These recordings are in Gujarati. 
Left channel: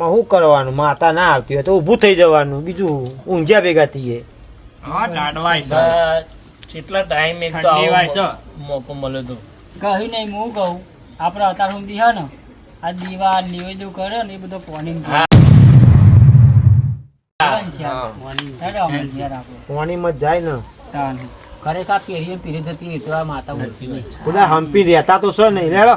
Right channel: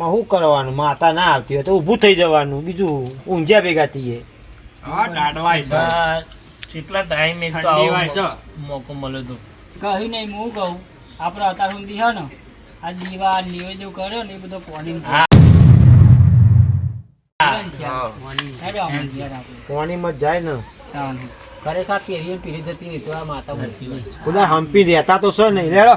આમાં શું કરવાનું? માતા ના આવતી હોય તો ઊભું થઈ જવાનું, બીજું ઊંઝા ભેગા થઈએ. કેટલા ટાઈમ એક મોકો મળે તો કહ્યું નહીં હું કહું આપડે અત્યાર સુધી હે ને આ દીવા નિવેદો કર્યો ને એ બધો પાણી પાણીમાં જાય ને ખરેખર પેઢીઓ પીઢી થતી હોય તો આ માતા ઓછી નહીં. બધા હંપી રહેતા તો છે નહીં. રેડો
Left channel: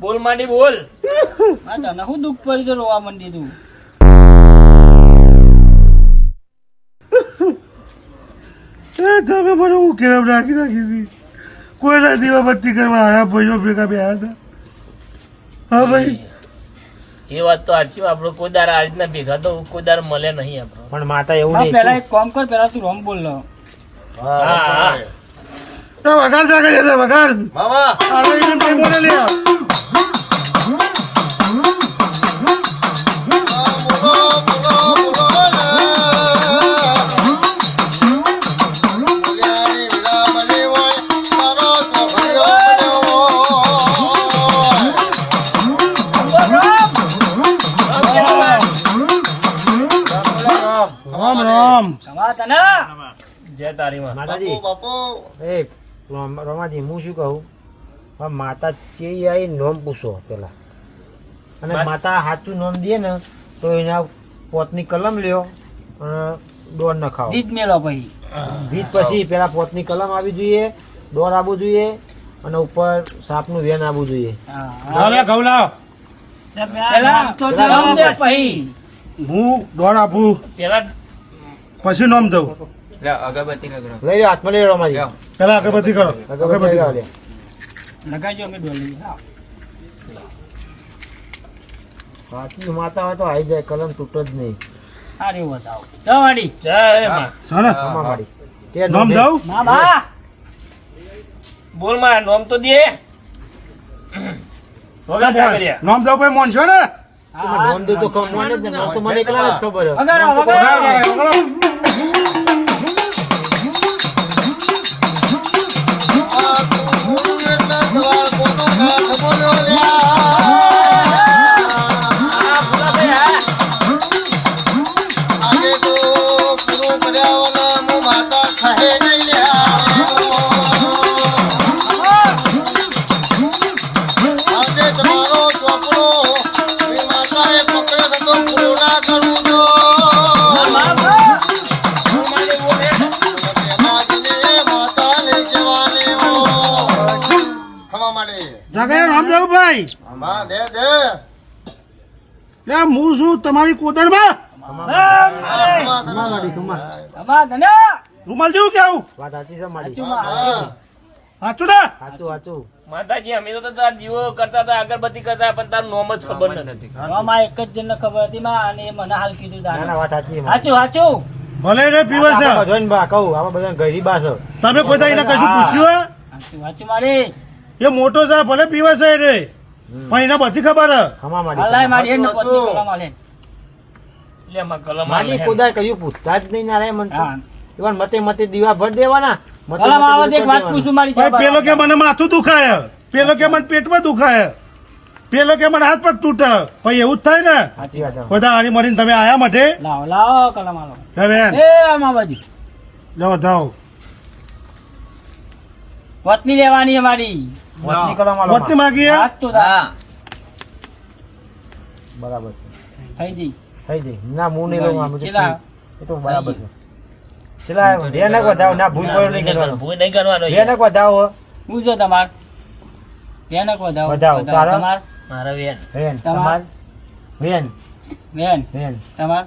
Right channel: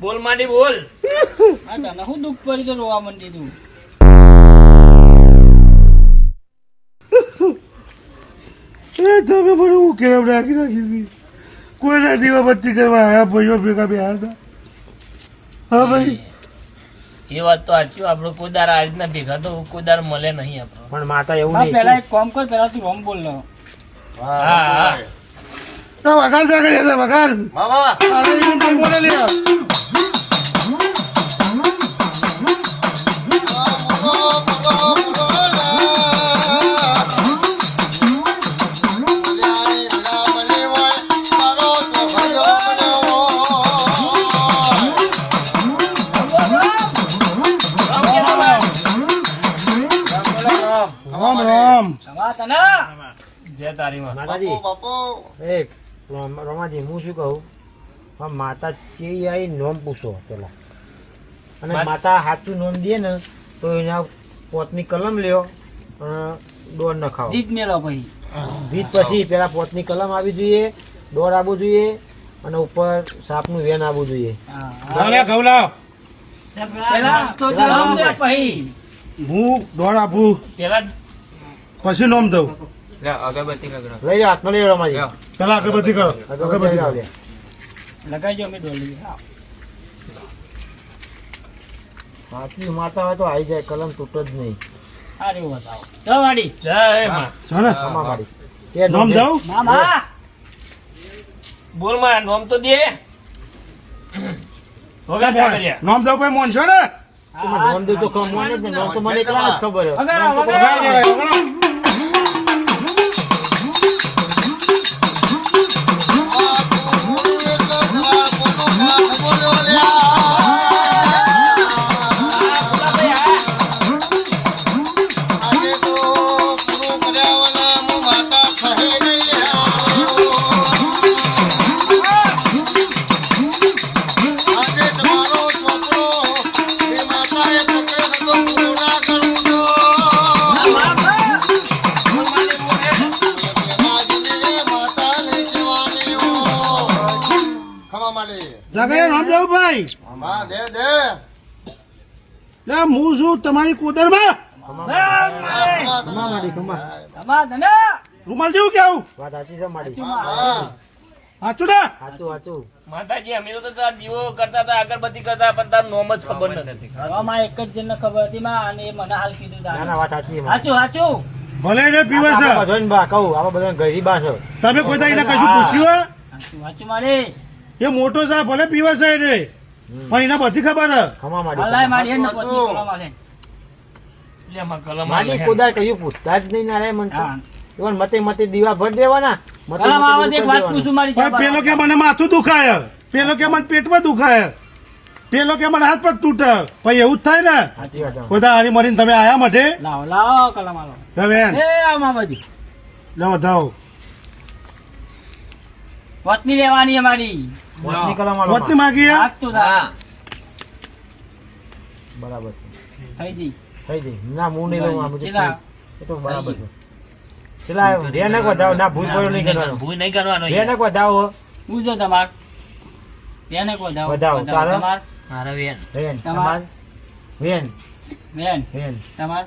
બોલ માંડી બોલ. તને શું દુઃખ પડી તો રોવા મંડી તું? તમે મને હું કેરમ રાખી હતી. કોઈના દીવાબત્તી કરવા આવ્યા ભાઈઓ ભેગા બે હતા. હા ભાઈ એ વાત તો સાચી. આપડે કોઈ દાર આ રીતના ભેગા તો કોઈ દાર મળે નહીં આપડે. પણ માતા એવું નહીં. પેલા એક કામ કર, પેલા તું રોમ બોલ લો. વગાડ સાગર છે વગાડ મામા અરે એને કઈ બોલે લે રામ રામ જય તારી માં. માતાજી એક રમાજી હું શું કહું, માતા ચેઈ આવી નોમ પૂછો પેલા, અને માતા સાચું નોમ દે ને તો એના પોતની કલમ લ્યો અને દોર ન ખાઓ. જીત મેળો પછી જીત પછી પેલા પોતની કલમ આવી જોઈએ, દોર આવવું જોઈએ અને ઉપર સાપનું વેન આવવું જોઈએ. હું દોડ આપું પેલા પછી નોમ દઉં. લઈ જાઓ હાથમાં લઈ જાઓ રમાજી. પેલા અગરબત્તી કરો. અગરબત્તી કરો. લગાડજો અમે ડોલી. સાચી માતા હોય તો આવી જાય, કલમ તૂટો જ નહીં. સારી બતાવો જવાડી. જય માં. ચાલો કે નોમ દઉં. મામા બોલ માં નોમ તો દે. વગર કર્યા નોમ દઉં ભાઈ મોન છો ને નોમ દઉં તો કોણ નોમ જ ને, નોમ તો મને એકલા જ ખબર હોય. રામદેવભાઈ હું છું તમારી કોતરમાં રૂમાલ જેવું કેવું વાત સાચી છે મારી. સાચું ને સાચું સાચું. માતાજી અમે તો તાર દીવો કરતા હતા, અગરબત્તી કરતા, પણ તારું નોમ જ ખબર નથી. માં એક જ જણ ખબર હતી માં, અને એ મને હાલ કીધું ના ના વાત સાચી છે. સાચું સાચું. ભલે એને પીવે છે આપણે બધાને બા કહું, આપણે બધા ગરીબા છે. તમે કોઈ દાડે એને કશું પૂછ્યું સાચું સાચું મારી. એ મોટો છે ભલે પીવે છે એને, પણ એને બધી ખબર હે. ખમા હાલાય મારી મારી એને પોતની કલમ આલે. એટલે આમાં કલમ મારી કોદાય કયું પૂછતા જ નહીં ના રે મન તો. હા. ઇવન મતે મતે દીવા ભર દેવાના. મતે કલમ મતે આવે બધું એક વાત કરી પૂછું મારી ભાઈ પેલો કે મને માથું દુખાય, પેલો કે મને પેટમાં દુખાય. પેલો કે મને હાથ પગ તૂટે પછી એવું જ થાય ને સાચી વાત છે. બધા હારી મળીને તમે આયા માટે લાવો લાવો કલમ આલો બેન એ આમાં બાજુ જાઓ જાઓ વતની લેવાની અમારી વચની કલમ આલો વતની માગીએ હાથ તો દા. હા બરાબર છે થઈ જઈ થઈ જઈ ના હું નહીં લઉં આમ તો ચેલા. એ તો બરાબર છે ચલા ભેનક વધાવો ના ભૂલ પડ્યો નહીં કરવાનો ભૂલ નહીં કરવાનો ભેનક વધાવો પૂછો તમાર બેન વધાવો. વધાવો તારા? તમાર મારા બેન વેન તમાર? તમાર વેન બેન વેન તમાર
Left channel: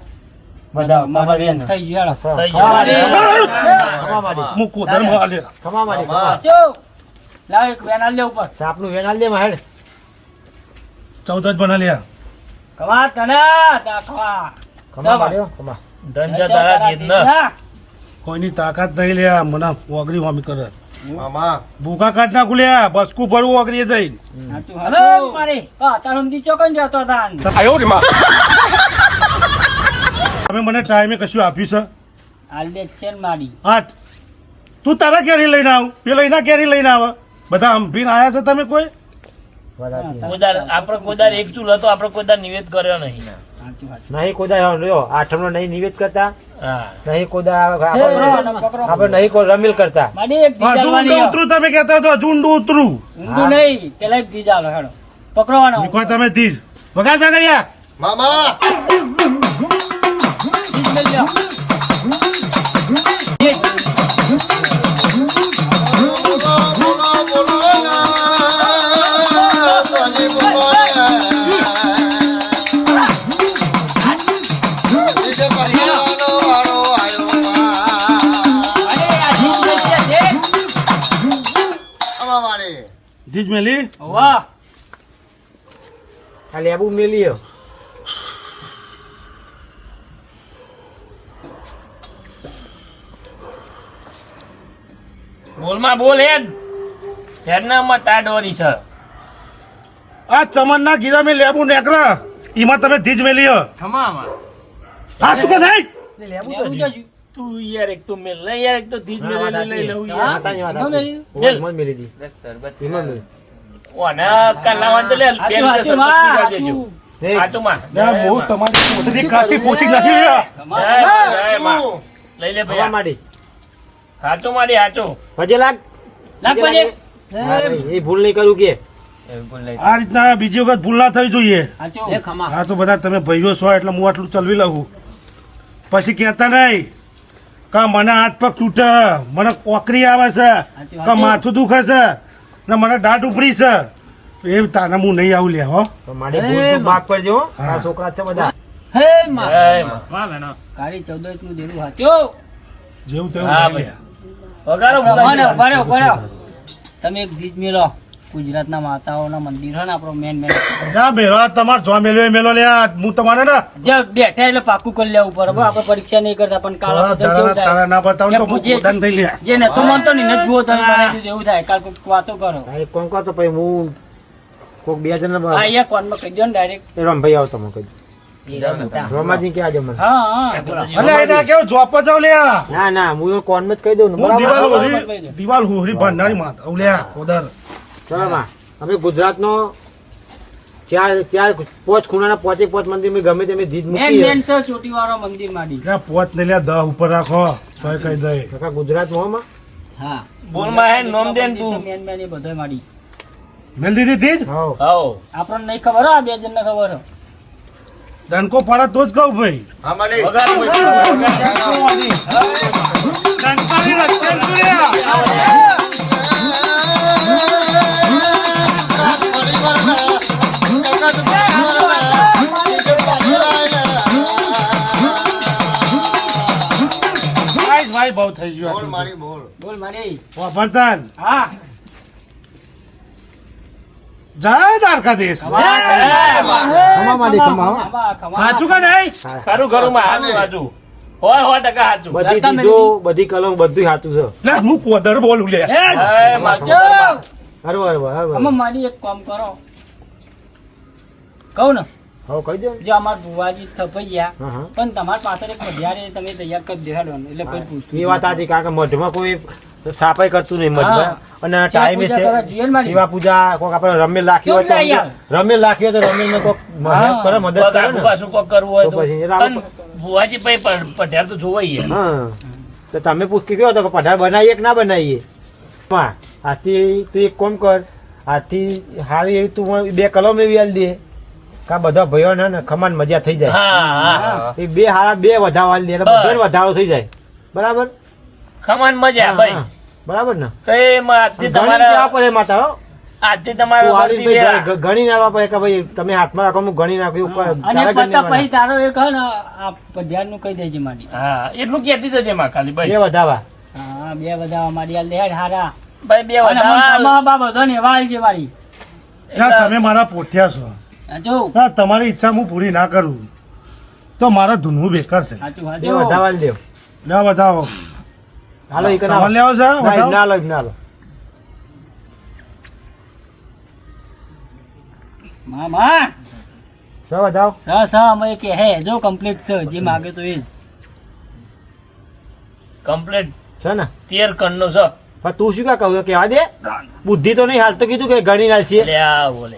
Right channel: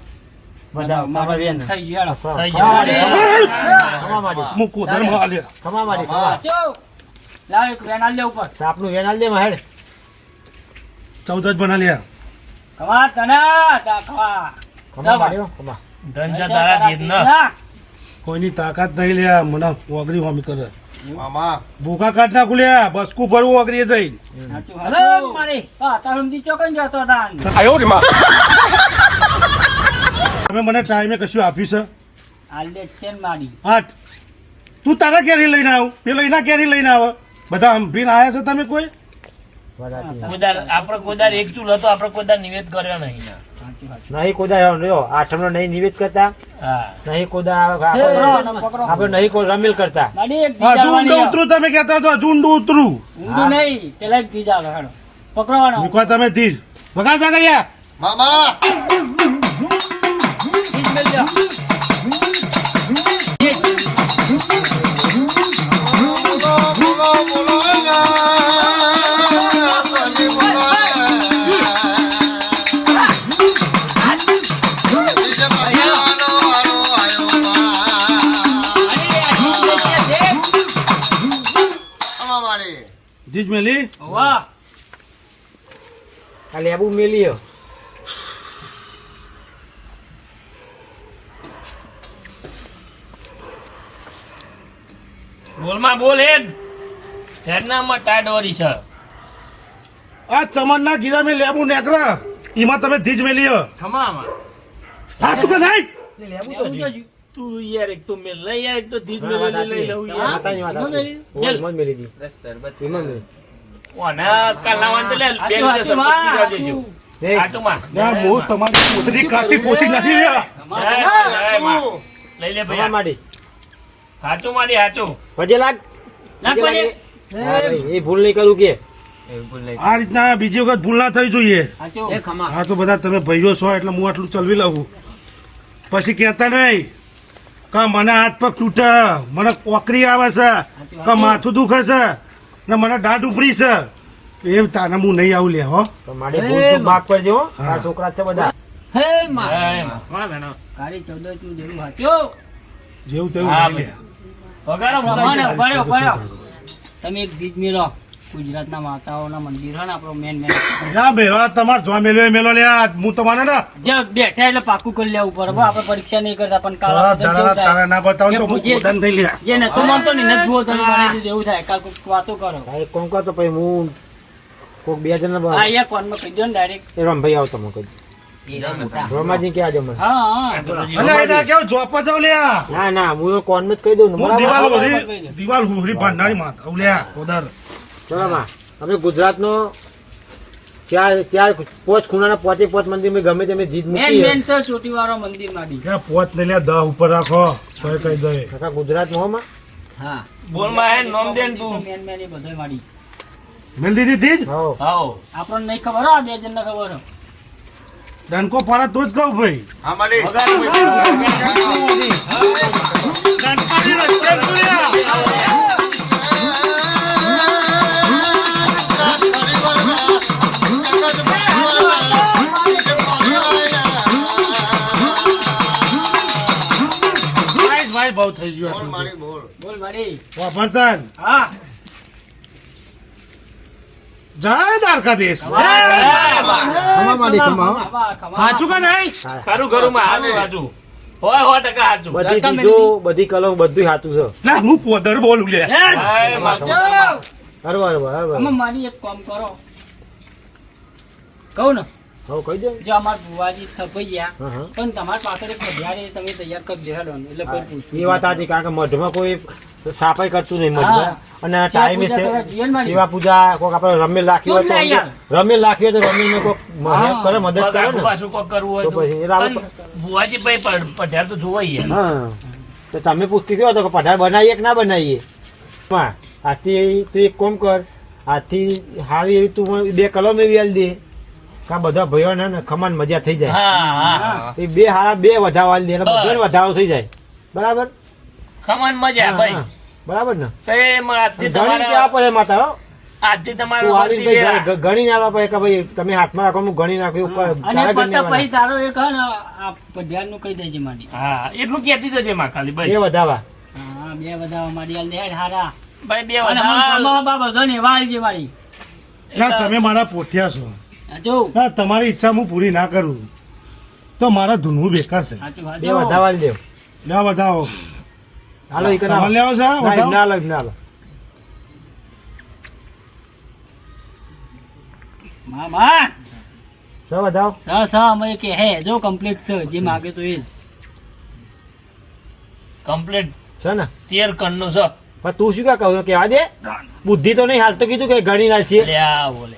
વધાવો તમાર વેન થઈ ગયો સ- થઈ ખમા ગયો. મારી. ખમા મારી મૂકું ધર્મ આલ્યા ખમા મારી ખમા. ચો લાવ એક બેન આલ લે ઉપર સાપનું વેન આલ દે માં હેડ 14 જ બના લ્યા કવા તના તા કવા ખમા માર્યો ખમા ધન છે તારા જીતનો. કોઈની તાકાત નહીં લ્યા મને ઓગરી હોમી કરે ભૂખા કાઢ નાખું લ્યા બસકું ભરવું ઓગરી જઈ હલો મારી હા તાર સમજી ચોકન જતો તાન તમે મને ટાઈમે કશું આપ્યું છે આલ દે છે ને મારી 8 તું તારા કેરી લઈને આવ પેલો એના કેરી લઈને આવે બધા હંભીને આયા છે તમે કોઈ બરાબર છે. કોદાર આપણે કોદાર એક ચૂલ હતો આપણે કોદાર નિવેદ કર્યો નહીં ને. સાચું સાચું નહીં કોદા રહ્યો આઠમનો નહીં નિવેદ કરતા હા નહીં કોદા પકડો, પકડો. આપણે નહીં કોઈ રમીલ કરતા મારી એક હા, દીજાલવાની ઝુંડ ઉતરું તમે કહેતા હતો ઝુંડ ઉતરું ઊંધું નહીં પેલા એક દીજાલો હેડો પકડવાનો મૂકવા તમે તીર વગાડતા ગયા દીજ મેલ લ્યો. દીજ. અરે, આ દીજ મેલ લ્યો, દીજ. જીજ મેલી વાહ આ લેબુ મેલ્યો બોલમાં બોલ હેડ હેડનામાં ટાઢ છે આ ચમનના ગીરા મેં લેબુ નેકરા એમાં તમે ધીજ મેલી હો. ખમામાં હા ચૂકે નહીં લેબુ તો લેવું તો જી. જ. તું યાર એક તો મેલ લઈ યાર એક તો ધીજ હા, વાત મેલે લઈ સાચી. લઉં હા. યાર માતાની વાત એમાં સાચી. મેલી? ઓય, મોજ મેલી દી. એમાં મેલી. ઓને કાલાવાન તો લે હાચું, પેલું હાચું, તો માં, સરપંચ હાચું. દેજો. દેખ, હાચું માં. ના હું તમારી પોતાની કાચી પોચી નાખી રહ્યા કમા, જય, કમા. જય માં. લઈ લે ખમા ભૈયા મારી હાચું મારી હાચું પછી લાગ લાગ પછી. હા, એ ભૂલ નહીં કરું કે આ રીતના બીજી વખત ભૂલ ના થઈ જોઈએ હાચું. હા તો બધા તમે ભાઈઓ છો એટલે હું આટલું ચલવી લઉં પછી કહેતા નહીં કે મને હાથ પગ તૂટે મને કોકરી આવે છે કે માથું દુખે છે ને મને દાઢ ઉપડી છે એ તાને હું નહીં આવું લે હો તો મારી ભૂલ તું માફ કરજો હો. આ છોકરા છે બધા હે માં. જય માં. કાળી 14 નું દેરું હાચું. જેવું તેવું હા, નહીં લે. વગાડો ઉભા ભગવાન. રહો, ઉભા રહો. તમે એક ગીત મેલો ગુજરાતના માતાઓના મંદિર હોય ને આપણો મેન ના મેલો તમારે જો મેલો એ મેલો લે આ હું તમારે ને જે બેઠા એટલે પાકું કરી લેવું પડે બરાબર. આપણે પરીક્ષા નહીં કરતા પણ કાલ તારા આપણે કેવું તારા થાય ના બતાવું તો કે હું પૂછીએ પોતાને થઈ લે જે નતો માનતો ને એને જ જુઓ તમે બનાવી દીધું એવું થાય કાલ કોઈક વાતો કરો તારે કોણ કહો તો પછી હું કોક બે જણ આ અહીંયા કોનમાં કહી દો ને ડાયરેક્ટ રમભાઈ આવતો મને કહી રમાજી કે આજે મને હા હા અને એના કેવું જોપ જાવ લે ના ના હું કોણ માં જ કહી દઉં ને હું બરાબર દિવાલ બરાબર. ઉભરી દિવાલ ઉભરી ભંડારી માં લે ઉધાર ચલો માં અમે ગુજરાતનો ચાર પોચ ખૂણાના પોચ મંદિર મેં ગમે તેમ જીત મેન મૂકી મેન છે ચોટીવાળો મંદિર માંડી લે પોત ને લે 10 ઉપર રાખો કઈ કઈ દે કાકા ગુજરાતમાં હો માં હા બોલમાં હે નોમ દે ને તું મેન મેન એ બધોય માંડી મેલ દીધી થી જ હો હાઓ આપણને નહીં ખબર હો આ બે જણને ખબર હો ડંકો પાડે તો જ કહું ભાઈ ડંકાની વચ્ચે તુર્યા. ભાઈ બહુ થઈ ગયું બોલ મારી વાપરતાન હા જય દ્વારકાધીશ ખમા મારી ખમા હો. ખમા, ખમા. સાચું કે નહીં ખારું ઘરમાં હાચું હાચું હોય 100% હાચું બધી રકમ ચીજો બધી કલમ બધું સાચું છે ના હું કોદર બોલું લે હે, સાચું. બરાબર બરાબર આમાં મારી એક કામ કરો કહું ને હવે કહી દો ને. જો અમાર બુવાજી થપાઈ ગયા હા હા પણ તમારી પાછળ એક મઢિયારે તમે તૈયાર કરી દેખાડો ને એટલે કોઈ પૂછતું એ વાત આજી કાકા મઢમાં કોઈ તો સાફાઈ કરતું નહીં મત હા. બરાબર? અને શિવા ટાઈમે પૂજા કરવા જઈએ ને મારી. સેવા પૂજા કોઈક આપણે રમેલ રાખી હોય તો કેવું યાર? રમેલ રાખી હોય તો રમેલ કોઈક હેલ્પ કરે મદદ કોક કરે આગુ ને પાછું કોક કરવું હોય તો તો પછી એટલે આપણે- પણ ભુવાજી ભાઈ પઢ્યા તો જોવાઈએ હા તો તમે પૂછકી કહો તો કે પઢાર બનાવીએ કે ના બનાવીએ માં આથી તું એક કામ કર આથી હારી એવી તું મને 2 કલમ એવી આલી દે કા બધા ભાઈઓ ને ખમાન મજા થઈ જાય હા હા એ 2 હારા 2 વધાવા આલી દે એટલે બધાને વધારો થઈ જાય બરાબર ખમાન મજા હા, ભાઈ હા. બરાબર ને તો એમાં આજથી ગણી કેવા તમારા પડે માતા હો આજથી તું તમારા હારી વર્તી ભાઈ ગયા. ગણી ના આવવા પડે કે ભાઈ તમે હાથમાં રાખો હું ગણી નાખ્યું ઉપર અને તારા પતા ગણને પછી તારો એક હે ને આ પઢિયાર નું કહી દેજે મારી. હા એટલું કહેતી જજે માં ખાલી ભાઈ 2 વધાવા હા 2 વધાવા મારી આ લેડ હારા. ભાઈ બે અને મને વધાવા તમારા બા બધો ને વાળ છે મારી. ના તમે મારા પોઠિયા છો આ જો ના તમારી ઈચ્છા હું પૂરી ના કરું તો મારા ધૂનવું બેકાર છે સાચું 2 સાચું. વધાવા આલી દેવ લે બતાવો હાલો ઈ તમારે લેવો છે બતાવો. ના લો ના લો મામા સો વધાવ સ અમે કે હે જો કમ્પ્લીટ છે જે માગે તો એ જ. કમ્પ્લીટ છે ને 13 કણનો છે પણ તું શું કા કહું કે આ દે બુદ્ધિ તો નહીં હાલ તો કીધું કે ગણી લાલ છે લે આવો લે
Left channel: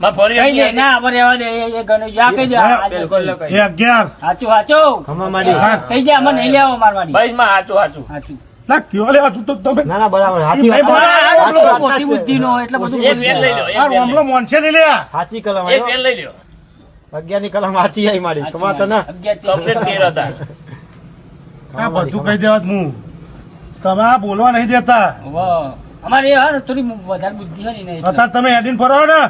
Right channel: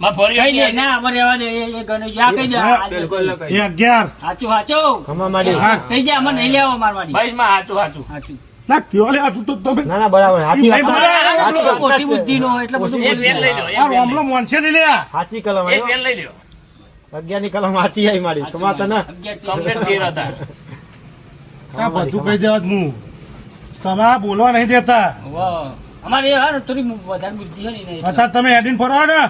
માં ફરી કઈ દે આપી ના અમારે રહેવા દે એ ગણેશ આ કહી દે આ જશે. એ 11 સાચું સાચું ખમા માંડી કહી દે અમને નહીં લેવા મારવાની. ભાઈ માં હાચું હાચું સાચું ના કયો લે હતું તો તમે ના ના બરાબર હાચી નહીં વાત. બોલા. આ સાચી વાત મોટી છે. બુદ્ધિ નો એટલે બધું એક વેલ લઈ લો આ એક વેલ રોમલો મોનસે નહીં લે સાચી કલમ એક વેલ લઈ લો 11 ની કલમ સાચી આવી મારી કમા તને કમ્પ્લીટ 13 હતા આ બધું કહી દેવા જ હું તમે આ બોલવા નહીં દેતા અમારે એ હા ને થોડી વધારે બુદ્ધિ છે ને એટલે. અત્યારે તમે હેડીને ફરો ને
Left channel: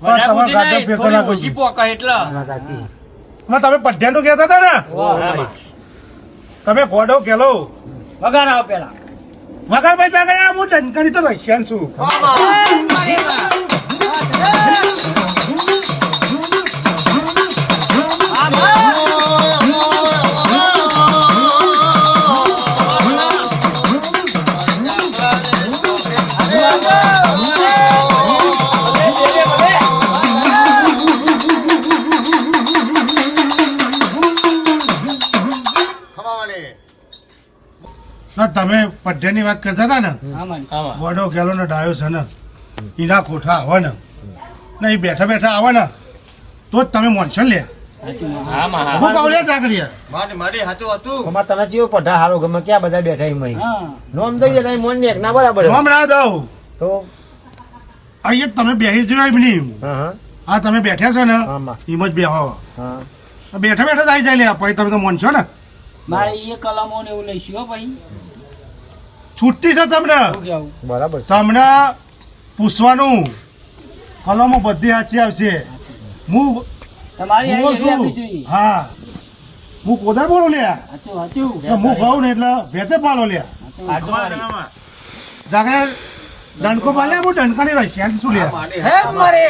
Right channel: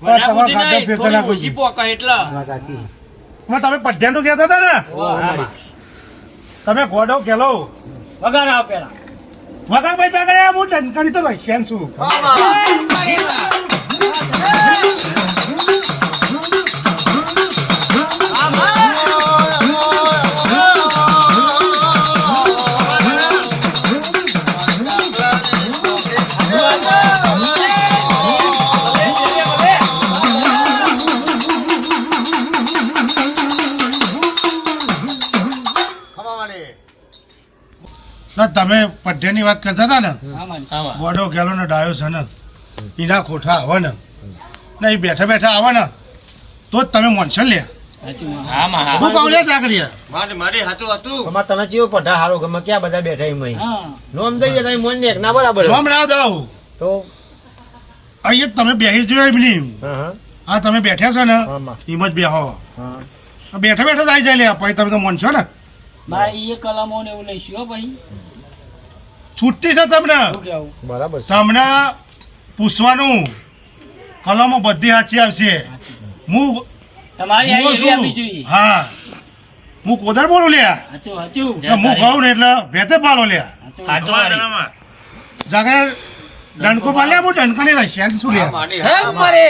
તો વધારે તમારા બુદ્ધિ ગાડા નહીં, ફેંકો થોડી નાખું ઓછી છું. પોકાય એટલે. હા, સાચી માં તમે પઢિયાનું કહેતા હતા ને તમે ગોડો કેલો વગાડ આવો પેલા. વગર પૈસા ગયા હું ટંકારી તો રશિયન છું ના તમે પઢિયાની વાત કરતા હતા ને હા મારી. આમાં ગોડો કેલો ને ડાયો છે ને એના કોઠા આવે ને ના એ બેઠા બેઠા આવે ને તો જ તમે મોનસો લે સાચું માં. આમાં હા હું પાવલિયા ચાકરીયા કમા તને ચેવો પઢા હારો ગમે ક્યાં બધા બેઠા એમ અહીં હા નોમ દઈએ નહીં મોન ને એક ના બરાબર જોમ ના દઉં તો અહીંયા તમે બેસી જોયો એમ નહીં હા હા આ તમે બેઠા છો ને આમાં એમ જ બેહો હા બેઠા બેઠા જ આવી જાય લે પછી તમે તો મોનસો ને મારે એ કલમો ને એવું લઈશું હો ભાઈ. છૂટતી છે તમને શું કેવું? બરાબર છે. તમને પૂછવાનું કલમો બધી સાચી આવશે હું તમારી હું આ એવી આપવી છું જોઈએ. હા હું કોદાર બોલું લે સાચું સાચું. હું કહું ને એટલે ભેતે પાલો લે હાચું મારી જાગે ડંકો પાલ્યા હું ડંકાની રશિયાન શું લે હે મારે.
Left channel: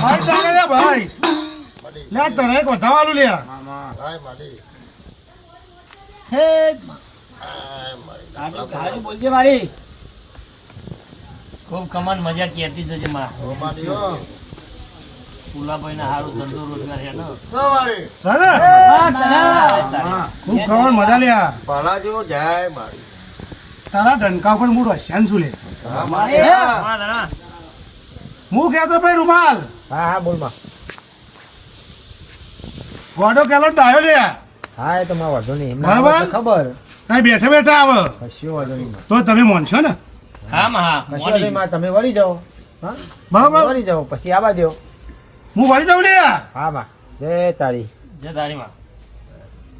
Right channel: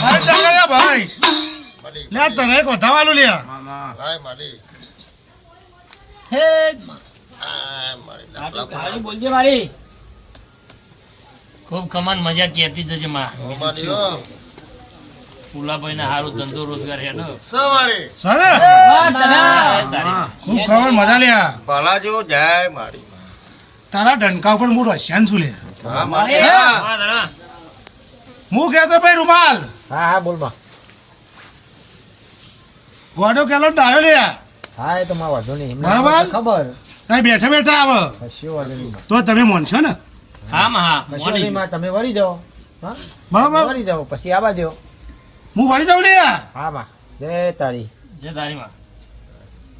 અરે જાગરિયા ભાઈ લે તને એક વધાવાલું લે હે સાચું બોલજે મારી. ખૂબ કમાન મજા કહેતી જજે માં ફુલાભાઈ ને સારું ધંધો રોજગાર હેડો સરે હા, તને. ખૂબ ખબર મજા લે ભલા જેવો જાય મારી તારા ડંકા ઉપર હું રશિયાન છું લે હા મારી હા. હું કહેતો ભાઈ રૂમાલ હા હા બોલ માં ગોડો કેલો ડાયો લે હા એ તો માં વાંધો નહીં એમને બરાબર. તો ખબર નહીં બેઠા બેઠા આવે કશો વાંધો નહીં માં. તો તમે મોનશો ને હા માં હા કશો વાંધો નહીં માં, તમે વળી જાઓ હા બરાબર વળી જાઓ પછી આવા દો હું વાળી જાઉં લે હા માં જય તારી જય તારી માં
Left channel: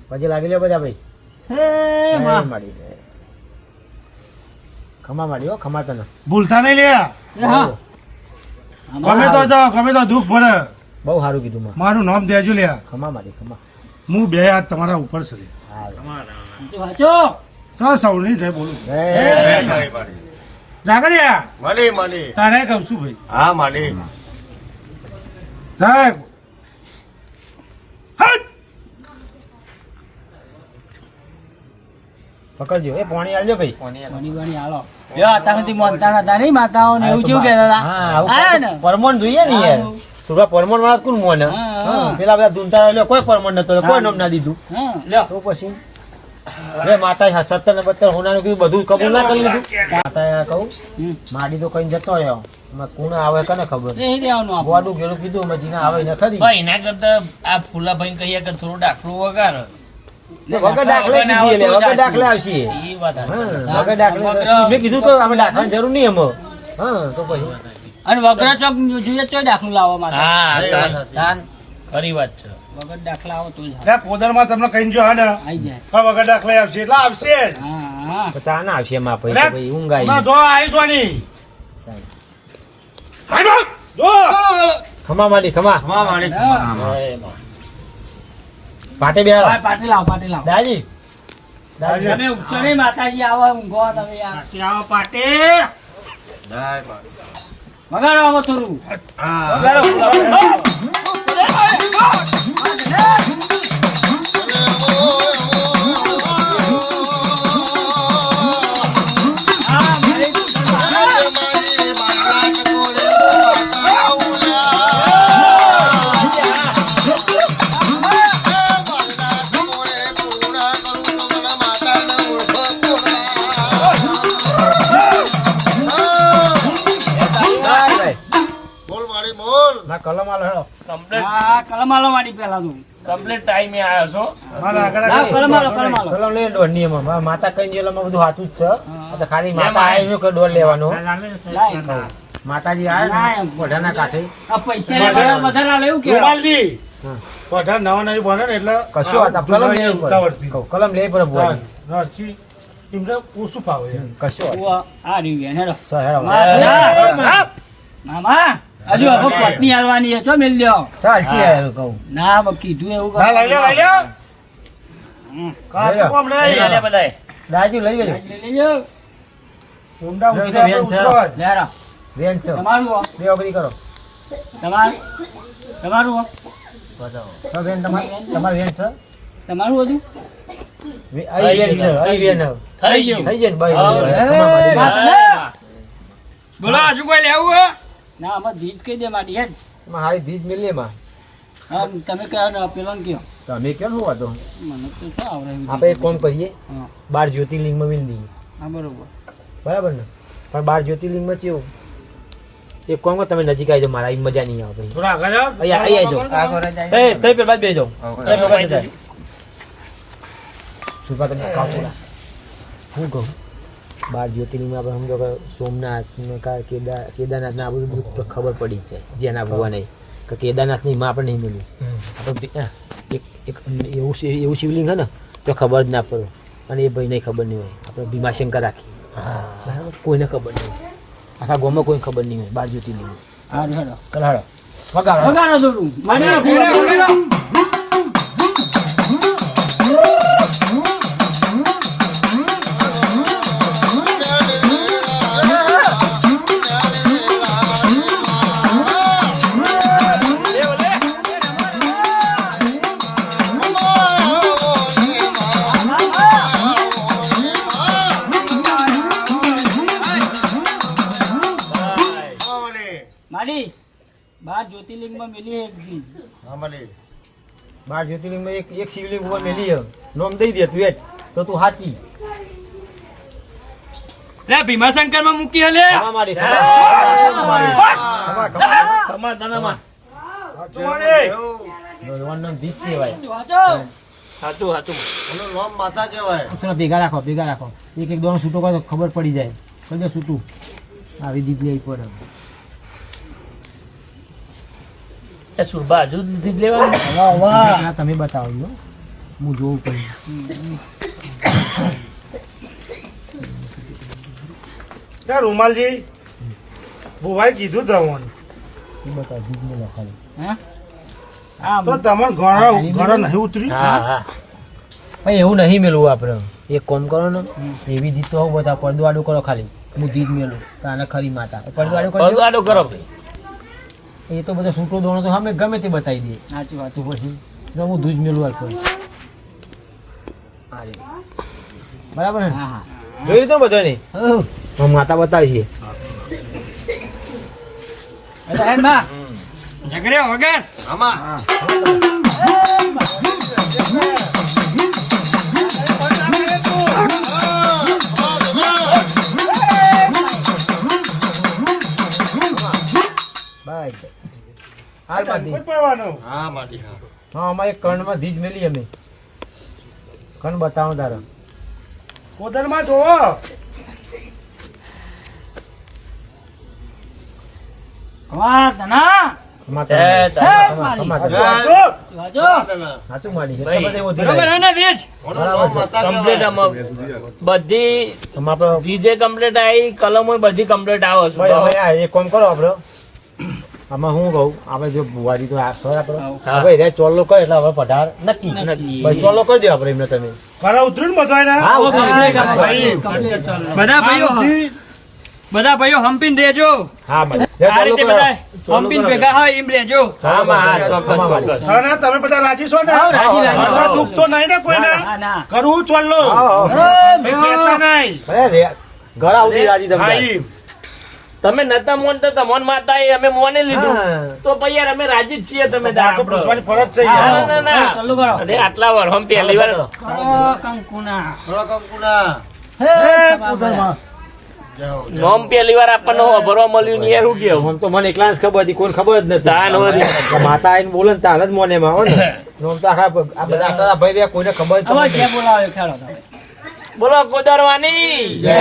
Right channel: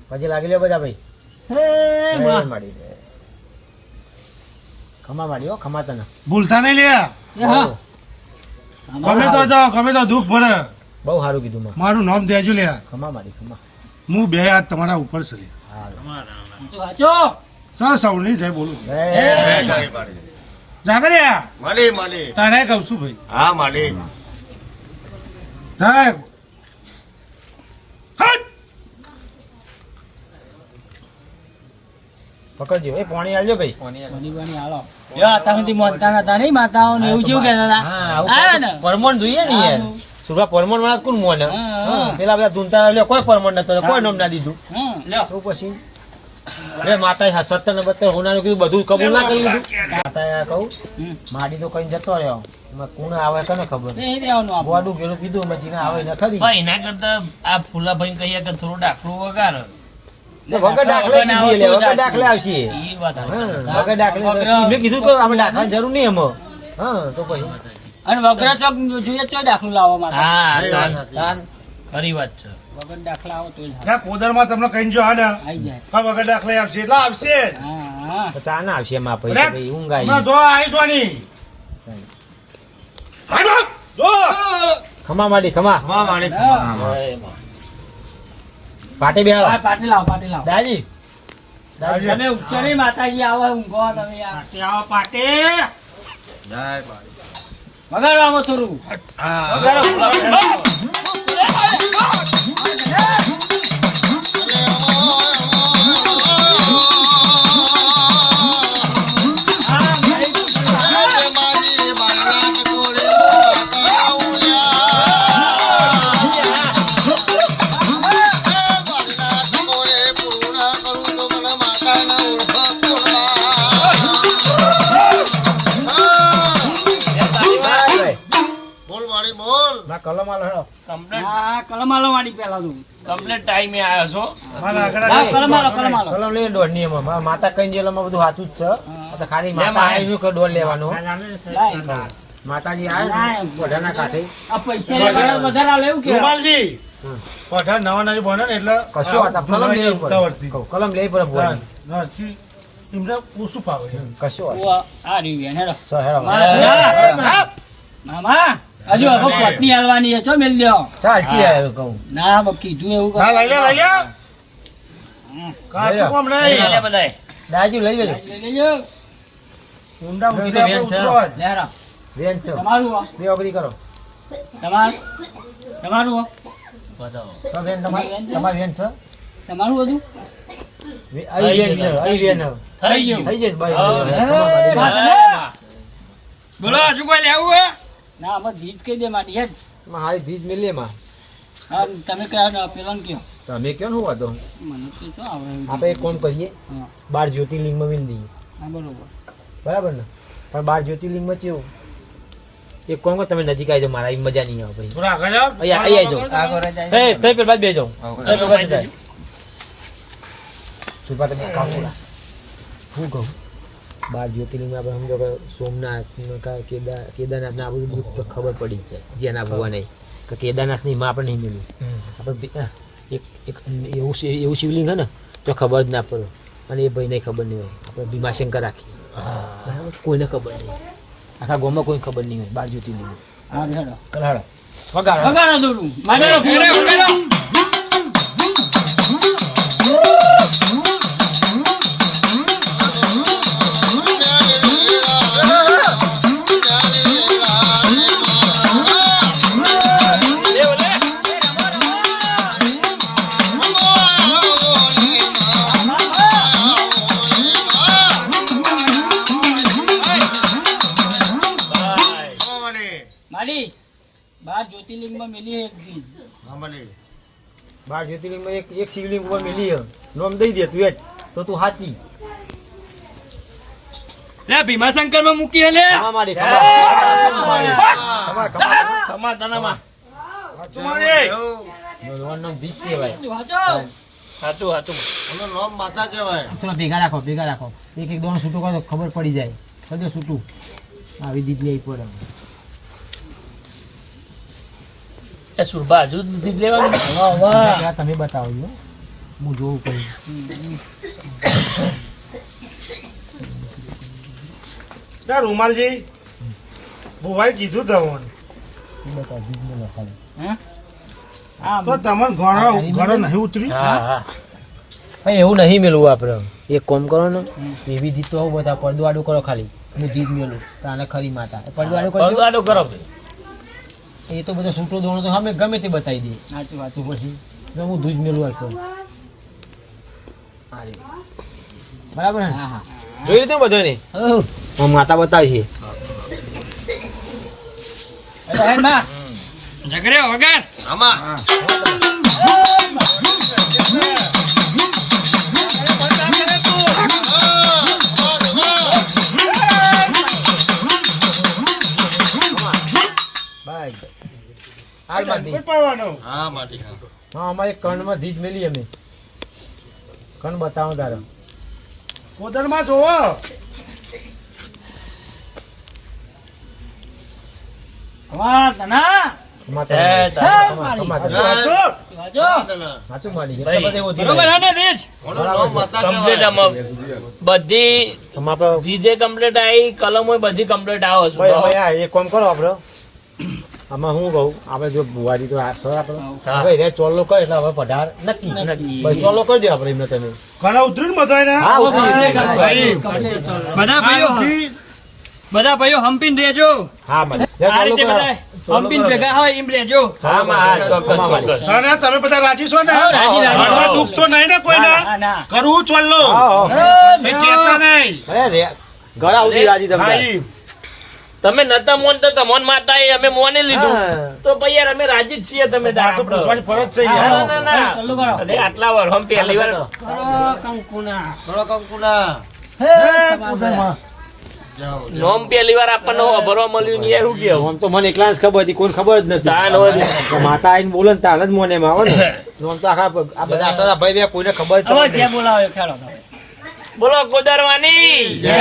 પછી લાગી લ્યો બધા ભાઈ હે જય માં. માડી જય. ખમા માડી હો ખમા તને ભૂલતા નહીં લે એ હા. ગમે તો જાઓ ગમે તો દુઃખ ભરે બહુ સારું કીધું માં. મારું નામ દેજો લ્યા. ખમા મારી ખમા. હું બે હાથ તમારા ઉપર છે લે. વાંચો ચા સૌની જાય બોલું જય. જય તારી મારી. જાગરિયા મળી મળી. તારે કહું છું ભાઈ હા મળી. સાહેબ હટ! પકડજો એ પાણી આલજો ભાઈ. પાણી બાણી હાલો લ્યો અત્યાર સુધી મોનતા હતા નહીં માતાઓ ને એવું જેવું કહેતા હતા હા આવું આયા ને પરમણ જોઈએ ને યાર. હા. સુરભા પરમણ વાળા કોણ મોને? હા. હા, પેલા બધા ધૂનતા લ્યો કોઈ પરમણ નતો કોઈ નામ ના દીધું. હા લ્યો તો પછી અરે માતા 70 ને 72 હોનાનું કીધું બધું કબૂલ ના કરી લીધું. માતાએ કહું હમ. માડી તો કઈ જતો રહ્યો. એમાં કોણ આવે કને ખબર. એ દેવાનું આપણે ગોડું ગેલું કીધું અમે જીને આવે ને ખરી. ભાઈ એના કરતા આ ફૂલાભાઈ કહીએ કે થોડું ડાકરું વગાર વગર દાખલે કીધી એટલે વગર દાખલે આવશે. એ વાત સાચી. હા, વગર દાખલે મેં કીધું કે અમે દાખલાની જરૂર નહીં એમાં. હા તો પછી અને વગર ચોક જોઈએ તો દાખલો લાવવા માટે હા એ વાત સાચી. ચાલ ખરી વાત છે. વગર દાખલા આવો તો જ હારું. ત્યાં પોદરમાં તમને કઈ જો હા ને આઈ જાય આ વગર દાખલા આવશે એટલે આવશે જ. હા હા તો ચા ના આવશે એમાં પછી ભાઈ ઊંઘ આવી. હમણાં જો આવી જોની હાલો, જો. ખમા માડી ખમા. ખમા મારી. હા. પાટે બે હા, પાટી લાવો પાટી લાવો દાજી તમે ઉઠશો નહીં માતાજી આવો ઊંઘો તમે યાર જય મારી. વગાડો આમાં થોડું હા. વગાડો ફૂલાભાઈ. બોલ મારી બોલ. ના કલમ આલો હેડો. કમ્પ્લેટ હા કલમ આલો વાળી પેલા તું કમ્પ્લેટ ટાઈમે આવ્યો છો. મારા આગળ હા, આગળ. કલમ આલો કલમ આલો કલમ લઈને દોડ નહીં એમાં માતા કઈ જેલામાં બધું હાથું જ છે. આ તો ખાલી માતા આવી કે દોડ લેવાનો. લાય. માતાજી આવે ને મોઢાના કાંઠે આ પૈસા લેવાના વધારે આલે એવું કે ગોપાલજી હમ. પઠાણ નવા નવી બને ને એટલે કશો હતા કલમ લઈ ઉતાવળથી. પડે કલમ લઈ પડે બોલ નરસિંહ એમને ઓછું ફાવે એમ. કશો ઓ આ રહ્યું હેડો હેડો મામા હજુ હવે પત્ની હાલવાની છે ચો મેલ દ્યો ચાલ છે કહું ના હવે કીધું એવું હા, લઈ લે લઈ લે હમ. કાચું કોમ લઈ નહીં. લે બધાય. દાજી લઈ લેજો લઈ લેજો ઊંડા લઈ ઉતરે લે, આપણે બેન ઉતરવા જ. લેરો વેન છે તમારું હો. બે ઓગરી કરો તમારું હો. બતાવો. તો બેન તમારી વેન છે તમારું બધું અહીં વેન છે અહીં વેન થઈ ગયું. થઈ જાય ને ભાઈ એ, એમાં બોલો હજુ કોઈ લેવું હે ના આમાં ધીજ કહી દે મારી હેડ હારી ધીજ મિલે એમાં હા તમે કહો ને પેલાને કયો તો અમે કેમ શું વાતો મને તો શું આવડે આપણે એક કામ કરીએ હા 12 જ્યોતિર્લિંગમાં મિલ દઈએ હા બરોબર બરાબર ને પણ 12 જ્યોતિર્લિંગમાં કેવું એક કામ કરો તમે નજીક આવી જાઓ મારા અહીં મજા નહીં આવે થોડા આગળ જાઓ. અહીંયા આવી જાઓ એ તે પેલા બે જાઓ એ પેલા જાય સુપા તમે કામ કરો હું કહું 12 જ્યોતિર્લિંગમાં આપણે સમજો કે સોમનાથ ને કેદારનાથ ને આ બધું બધું તો ખબર પડી જ જાય જેના ભુવા નહીં કે કેદારનાથની માં આપણે નહીં મળ્યું આપણે એક એવું શિવલિંગ હે ને તો ખબર જ ના પડે અને એ ભાઈને ખબર નહીં હોય આપણે ભીમાશંકર રાખીએ બરાબર કોઈને ખબર નહીં હોય આખા ગામમાં કોઈને ખબર નહીં હોય 12 જ્યોતિર્લિંગ હા હેડો ચાલ હાડો વગાડો વગાડો થોડું વગાડો ખમા મારી. માડી 12 જ્યોતિર્લિંગમાં મેલી એક ચીજ હા મારી. 12 જ્યોતિર્લિંગમાં એક શિવલિંગ ઉપર મેલી હે. નામ દઈ દે તું એટ તો તું હાચી લે ભીમાશંકર માં મૂકી હલે ખમા મારી ખમા સમાધાનમાં. સાચું મારી. ભગવાનનું નામ દીપ કહેવાય વાંચો સાચું સાચું. એનું નામ માતા કહેવાય. થોડા ભેગા રાખો એક એક દોણો છૂટો કરો તો ખબર પડી જાય કદે છૂટું આવી દીધ લઈ પડે એ સુરભા હજુ દીધી જ લેવાની. આ તમે બતાવો છો હું જોઉં કઈ ત્યાં રૂમાલજી ભુવાએ કીધું તમને એ બતાવો દીધને લખાડો હા આમ તો તમને ઘર નહીં ઉતરી હા હા ભાઈ એવું નહીં મેળવું આપણે એક કોમ કરો ને એવી દીધ તો આવું બધા પડદવાડું કરો ખાલી હું દીધ મેલું તાને ખરી માતા પડદવાડું કરજો પડવાડો કરો એ તો બધો છૂટો દોણો તો અમે ગમે તે બતાવી દઈએ સાચી વાત તો પછી જો હું દૂધ મેલું આપતો બરાબર ને હા હા જોઈ લીધું બધો ને હું માતા બતાવી છે એટલે હેડ માં ઝઘડ્યો વગર આમાં બાય હાલ બાદી પાવાનો હા માટી હા હા અમારે કર્ણમાં ધીજ મેલી અમે કર્ણ બતાવો તારા કોદરમાં જોવો વાહ તના સાચું માડી ભાઈ, બરોબર હે ને દેજ ઓનો નામ માતા કમ્પ્લીટ કહેવાય આમાં બધી જીજે કમ્પ્લીટ આવી કલમો બધી કમ્પ્લીટ આવે છે એક કામ કરો આપડે આમાં હું કહું આપણે જો બુવાજી તો સર આપડે હવે રે ચોલ્લો કરે એટલે હવે પઢાર નક્કી ભાઈ ચોલ્લો કરી દો આપણે એમને તમે ઘરે ઉતરી ને બધાને હા, ભાઈ બધા ભાઈઓ બધા ભાઈઓ હમ્પીન રહેજો હા ભાઈ આ રીતે બધા હમ્પીન ભેગા હોય એમ રહેજો હા હા ચોક્કસ ચોક્કસ સર તમે બધા રાજી છો ને રાજી. ઘરમાં દુઃખ તો નહીં ને કોઈને ના ના કરવું ચાલો ભાઈ કહેતા નહીં અરે રે ઘણા ઉડી રાજી હા તમે ઈ. તમે નતા મોન તો તમોન માતા એ અમે મોને લીધું હા. તો પછી યાર અમે રાજી જ છીએ તમે આ તો પૂછવાની ફરજ છે યાર ના, ના, ના. ચાલુ કરો અરે આટલા વાર હમ પહેલી વાર કરો કંકુના થોડો કંકુના હે કોદરમાં જાઓ નોમ પહેલી વાર આપણને ભરવા મળ્યું નહીં યાર શું કેવું આમ તો મને એકલા જ ખબર હતી કોઈ ખબર જ તાન નથી વળી. આ માતા આઈને બોલે ને તાન જ મોને માં આવે ને આમ તો આખા આ બધા આખા ભાઈ બે કોઈને ખબર જ હવે નથી. ક્યાં બોલાવે ખેડો તમે બોલો કોદરવાની જય.